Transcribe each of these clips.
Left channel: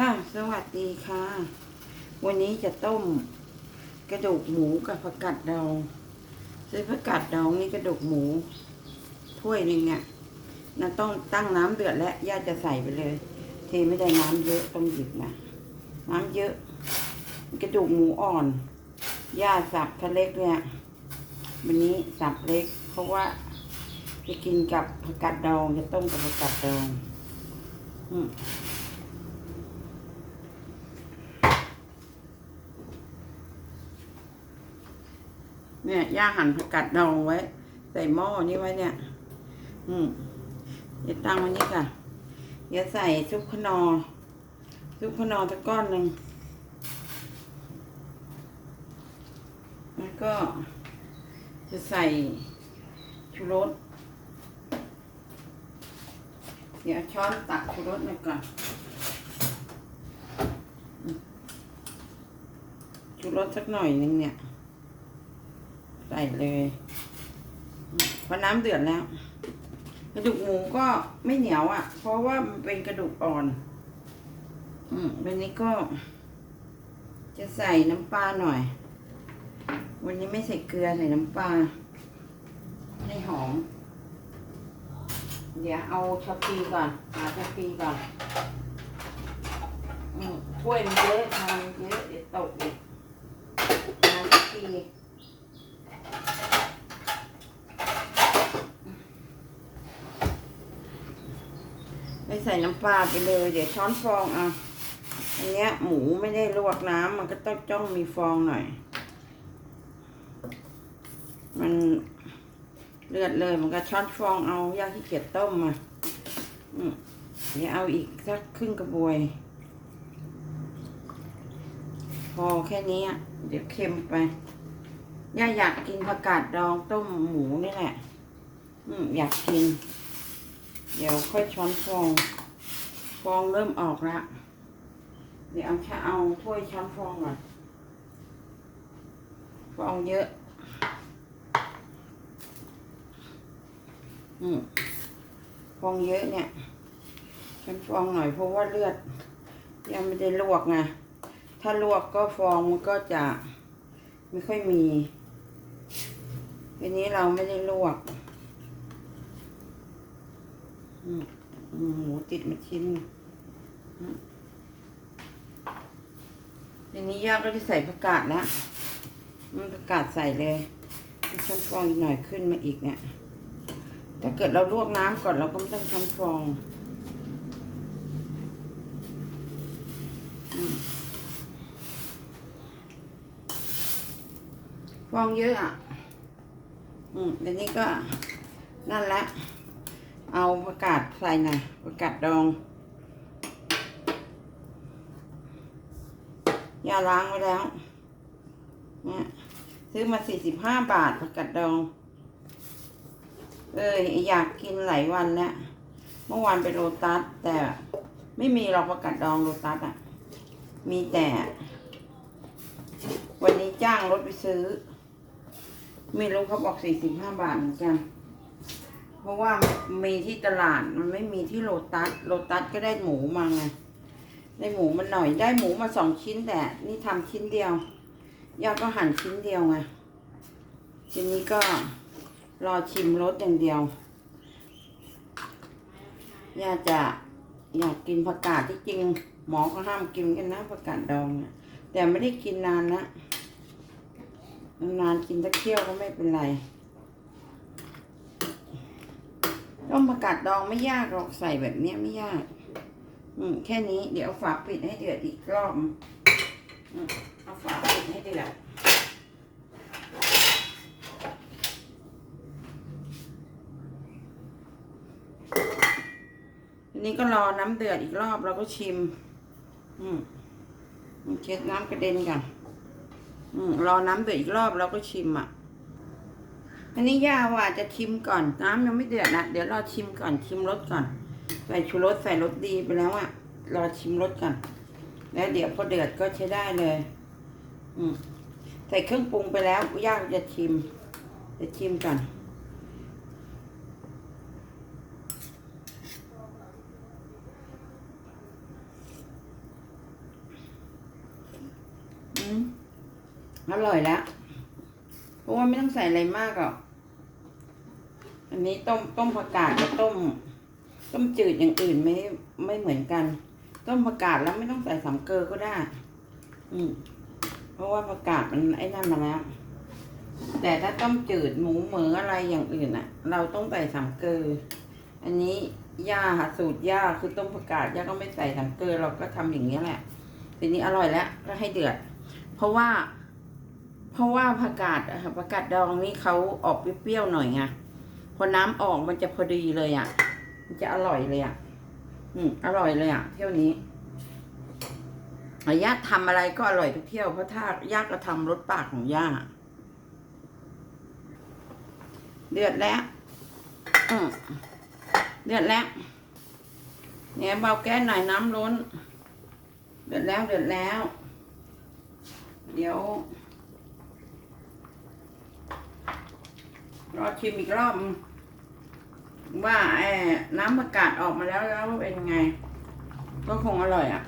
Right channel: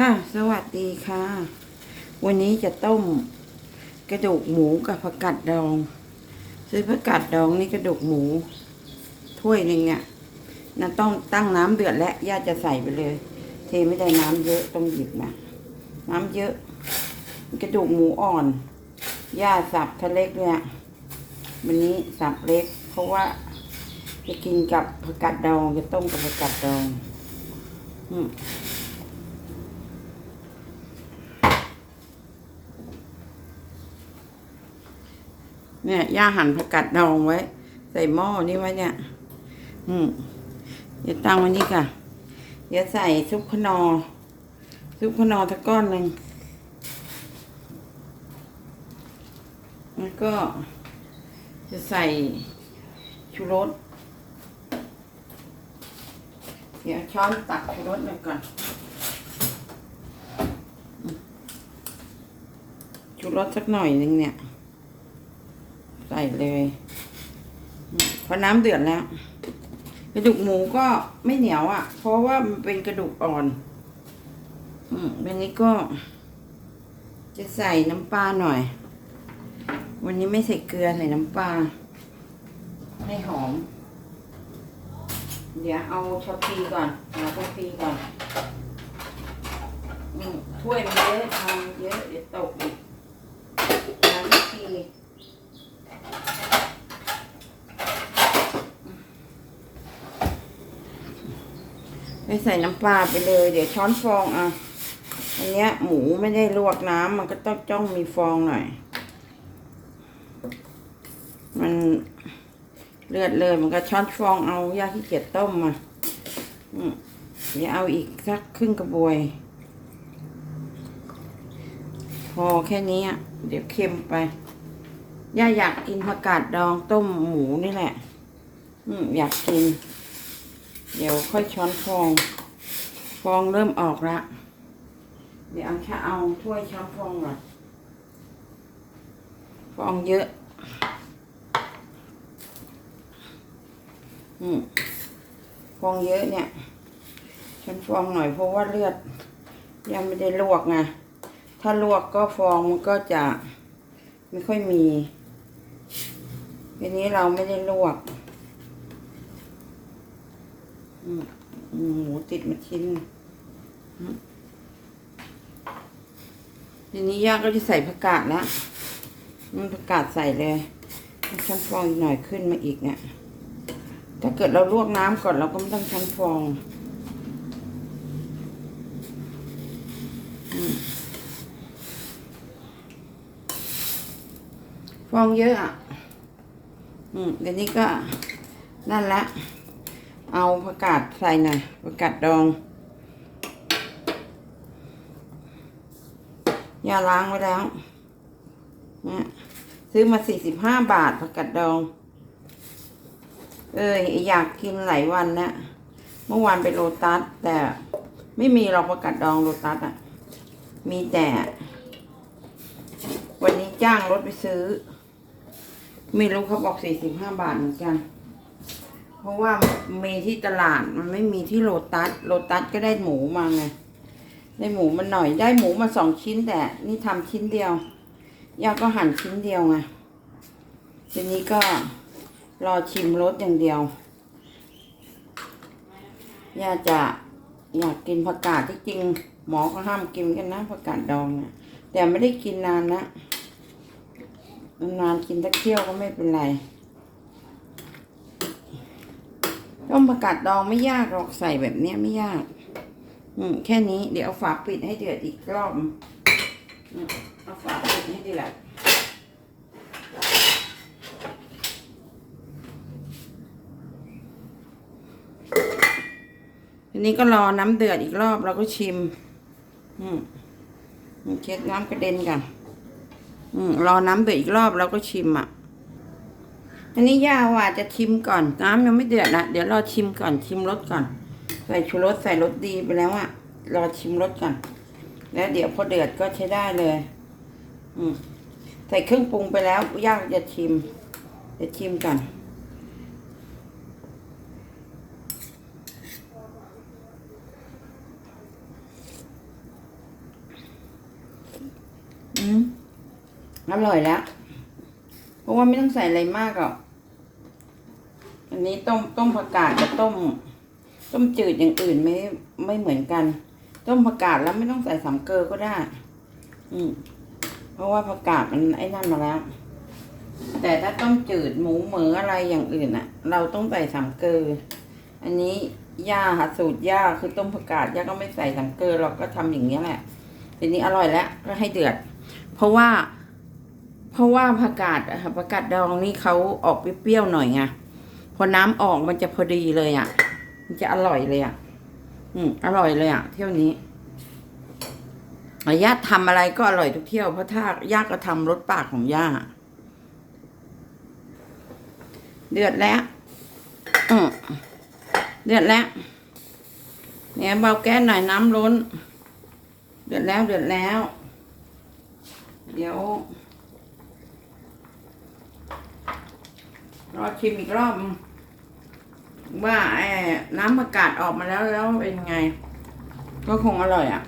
ค่ะ สวัสดีค่ะ วันนี้จะต้มกระดูกหมูกับผักกาดดอง ซื้อผักกาดดองนี่กระดูกหมู ถ้วยหนึ่งเนี่ยนะต้องตั้งน้ำเดือดและย่าจะใส่ไปเลย เทไม่ได้น้ำเยอะต้องหยิบมาน้ำเยอะ กระดูกหมูอ่อน ย่าสับทะเล็กเนี่ย วันนี้สับเล็ก เพราะว่าจะกินกับผักกาดดองจะต้มกับผักกาดดอง อืม เนี่ยย่าหั่นผักกาดดองไว้ ใส่หม้อนี่ไว้เนี่ย อืมเดี๋ยวตั้งไว้นี่ค่ะ เดี๋ยวใส่ซุปขนอซุปขนอตะก้อนหนึ่งแล้วก็ จะใส่ชูรส เดี๋ยวช้อนตักชูรสมาก่อน ชูรสสักหน่อยหนึ่งเนี่ย ใส่เลยพอน้ำเดือดแล้ว กระดูกหมูก็ไม่เหนียวอะ่ะ เพราะว่ามันเป็นกระดูกอ่อน อืมวันนี้ก็ จะใส่น้ำปลาหน่อย วันนี้ไม่ใส่เกลือใส่น้ำปลาให้หอม เดี๋ยวเอาชาปีก่อนเอาชาปีก่อนถ้วยมันเยอะทานเยอะเดี๋ยวตกอีกน้ำชาปี ไปใส่น้ำปลาไปเลย เดี๋ยวช้อนฟองเอาอันเนี้ย หมูไม่ได้ลวกน้ำมันก็ต้องจ้องมีฟองหน่อย มันเลือดเลยมันก็ช้อนฟองเอายาขี้เกียจต้มมาเดี๋ยวเอาอีกสักครึ่งกระบวย พอแค่นี้อะเดี๋ยวเค็มไปย่าอยากกินผักกาดดองต้มหมูนี่แหละ อืมอยากกิน เดี๋ยวค่อยช้อนฟองฟองเริ่มออกละเดี๋ยวเอาแค่เอาถ้วยช้อนฟองก่อนฟองเยอะ อืมฟองเยอะเนี่ยช้อนฟองหน่อยเพราะว่าเลือด ยังไม่ได้ลวกไงถ้าลวกก็ฟองมันก็จะไม่ค่อยมีทีนี้เราไม่ได้ลวก หมูติดมาชิ้นอืมทีนี้ย่าก็จะใส่ผักกาดแล้วมันผักกาดใส่เลยชั้นฟองอีกหน่อยขึ้นมาอีกเนี่ย ถ้าเกิดเราลวกน้ำก่อนเราก็ไม่ต้องชั้นฟองฟองเยอะอะ อืมเดี๋ยวนี้ก็นั่นละ เอาผักกาดใส่หน่อยผักกาดดองยาล้างไว้แล้วนะซื้อมาสี่สิบห้าบาทผักกาดดอง เอ้ยอยากกินหลายวันแล้วเมื่อวานไปโลตัสแต่ไม่มีหรอกผักกาดดองโลตัสอะ มีแต่ วันนี้จ้างรถไปซื้อ ไม่รู้เขาบอกสี่สิบห้าบาทเหมือนกัน เพราะว่ามีที่ตลาดมันไม่มีที่โลตัสโลตัสก็ได้หมูมาไงได้หมูมาหน่อยได้หมูมาสองชิ้นแต่นี่ทำชิ้นเดียวย่าก็หั่นชิ้นเดียวไงทีนี้ก็รอชิมรสอย่างเดียวย่าจะอยากกินผักกาดที่จริงหมอก็ห้ามกินกันนะผักกาดดองเนี่ยแต่ไม่ได้กินนานนะนานๆกินตะเคี่ยวก็ไม่เป็นไร ต้มผักกาดดองไม่ยากหรอกใส่แบบเนี้ยไม่ยาก อืมแค่นี้เดี๋ยวเอาฝาปิดให้เดือดอีกรอบอืมเอาฝาปิดให้เดือดทีนี้ก็รอน้ำเดือดอีกรอบเราก็ชิม อืมเช็ดน้ำกระเด็นกัน อืมรอน้ำเดือดอีกรอบเราก็ชิมอะ อันนี้ยาวอะจะชิมก่อนน้ำยังไม่เดือดนะเดี๋ยวรอชิมก่อนชิมรสก่อน ใส่ชูรสใส่รสดีไปแล้วอะรอชิมรสก่อน แล้วเดี๋ยวพอเดือดก็ใช้ได้เลย อืมใส่เครื่องปรุงไปแล้วย่าจะชิม จะชิมก่อนอร่อยแล้วเพราะว่าไม่ต้องใส่อะไรมากอะ อันนี้ต้มต้มผักกาดกับต้ม ต้มจืดอย่างอื่นไม่ไม่เหมือนกัน ต้มผักกาดแล้วไม่ต้องใส่สามเกลือก็ได้ อืมเพราะว่าผักกาดมันไอ้นั่นมาแล้ว แต่ถ้าต้มจืดหมูเหมืออะไรอย่างอื่นอะเราต้องใส่สามเกลืออันนี้ย่าค่ะสูตรย่าคือต้มผักกาดย่าก็ไม่ใส่สามเกลือเราก็ทำอย่างนี้ยแหละทีนี้อร่อยแล้วก็ให้เดือด เพราะว่า เพราะว่าผักกาดผักกาดดองนี่เขาออกเปรี้ยวๆหน่อยไง พอน้ำออกมันจะพอดีเลยอะ มันจะอร่อยเลยอะ อืมอร่อยเลยอะ เที่ยวนี้ย่าทำอะไรก็อร่อยทุกเที่ยวเพราะถ้าย่าก็ทำรสปากของย่าเดือดแล้วอืมเดือดแล้ว เนี่ยเบาแก๊สหน่อยน้ำล้น เดือดแล้วเดือดแล้ว เดี๋ยว รอชิมอีกรอบ ว่าไอ้น้ำประกาศออกมาแล้วแล้วเป็นไง ก็คงอร่อยอะ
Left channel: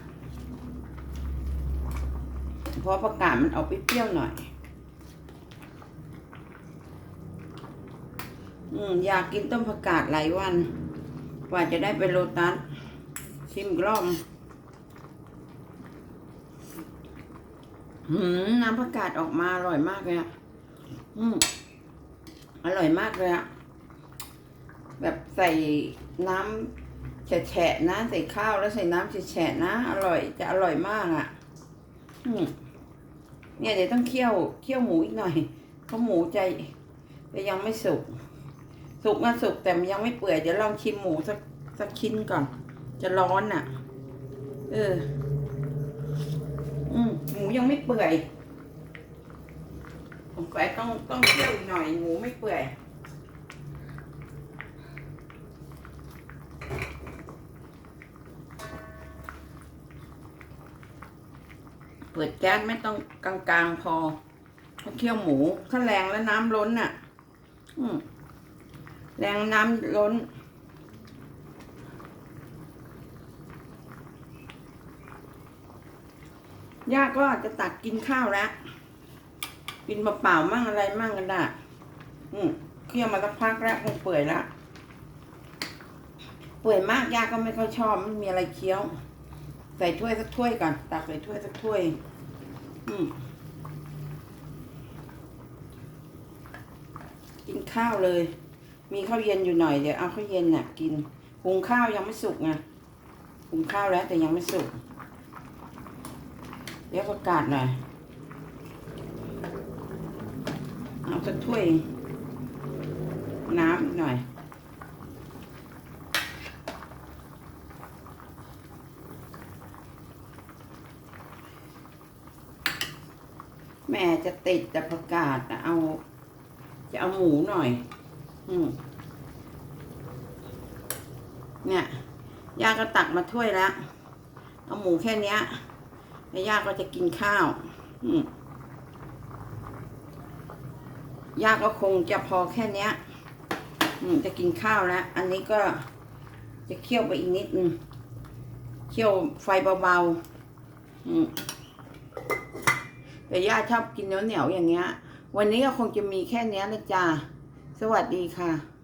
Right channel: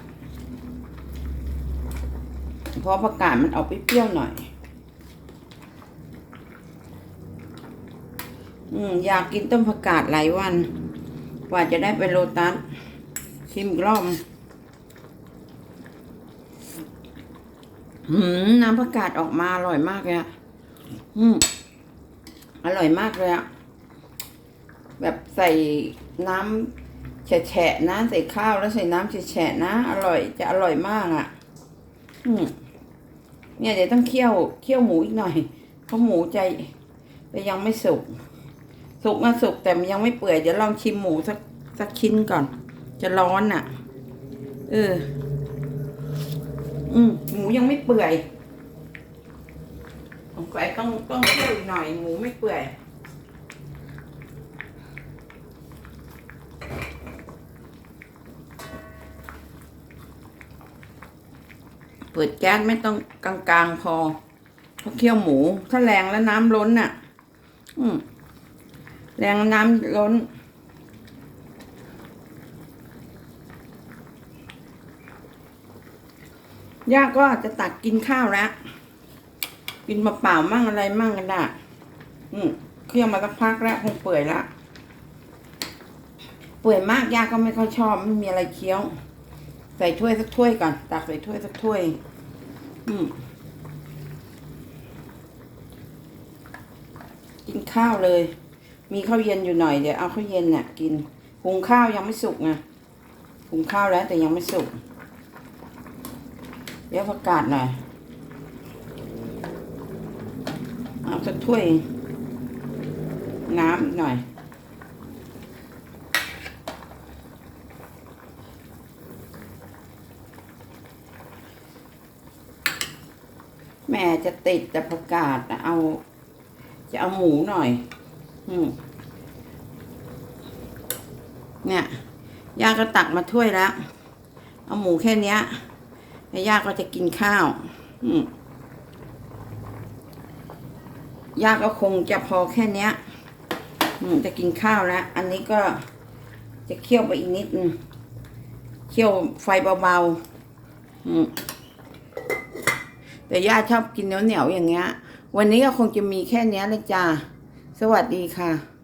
เพราะผักกาดมันออกเปรี้ยวหน่อย อืมอยากกินต้มผักกาดหลายวัน กว่าจะได้ไปโลตัสชิมกรอบหืมน้ำผักกาดออกมาอร่อยมากเลยอะอืม อร่อยมากเลยอะแบบใส่น้ำแฉะๆนะใส่ข้าวแล้วใส่น้ำแฉะๆนะ อร่อยจะอร่อยมากอะอืมเนี่ยเดี๋ยวต้องเคี่ยวเคี่ยวหมูอีกหน่อยเพราะหมูใจจะยังไม่สุก สุกมาสุกแต่มันยังไม่เปื่อยเดี๋ยวลองชิมหมูสักสักชิ้นก่อน จะร้อนอะ เออ อืมหมูยังไม่เปื่อย สงสัยต้องต้องเคี่ยวอีกหน่อยหมูไม่เปื่อยเปิดแก๊สไม่ต้องกลางๆพอเพราเคี่ยวหมู ถ้าแรงแล้วน้ำล้นน่ะ อืมแรงน้ำล้นย่าก็จจะตักกินข้าวแล้ว กินเปล่าๆมั่งอะไรมั่งกันได้อืมเคี่ยวมาสักพักแล้วคงเปื่อยละเปื่อยมากยาก็ไม่ค่อยชอบไม่มีอะไรเคี้ยว ใส่ถ้วยสักถ้วยก่อนตักใส่ถ้วยสักถ้วย อืมกินข้าวเลย มีข้าวเย็นอยู่หน่อยเดี๋ยวเอาข้าวเย็นเนี่ยกินหุงข้าวยังไม่สุกไงหุงข้าวแล้วแต่ยังไม่สุกเดี๋ยวประกาศหน่อย เอาสักถ้วย น้ำอีกหน่อย แม่จะติดแต่ประกาศนะเอา จะเอาหมูหน่อยอืมเนี่ยย่าก็ตักมาถ้วยแล้ว เอาหมูแค่เนี้ยแล้วย่าก็จะกินข้าว อืม ยาก็คงจะพอแค่เนี้ยจะกินข้าวแล้ว อันนี้ก็จะเคี่ยวไปอีกนิดนึงเคี่ยวไฟเบาๆแต่ย่าชอบกินเหนียวๆอย่างเงี้ย วันนี้ก็คงจะมีแค่เนี้ยเลยจ้าสวัสดีค่ะ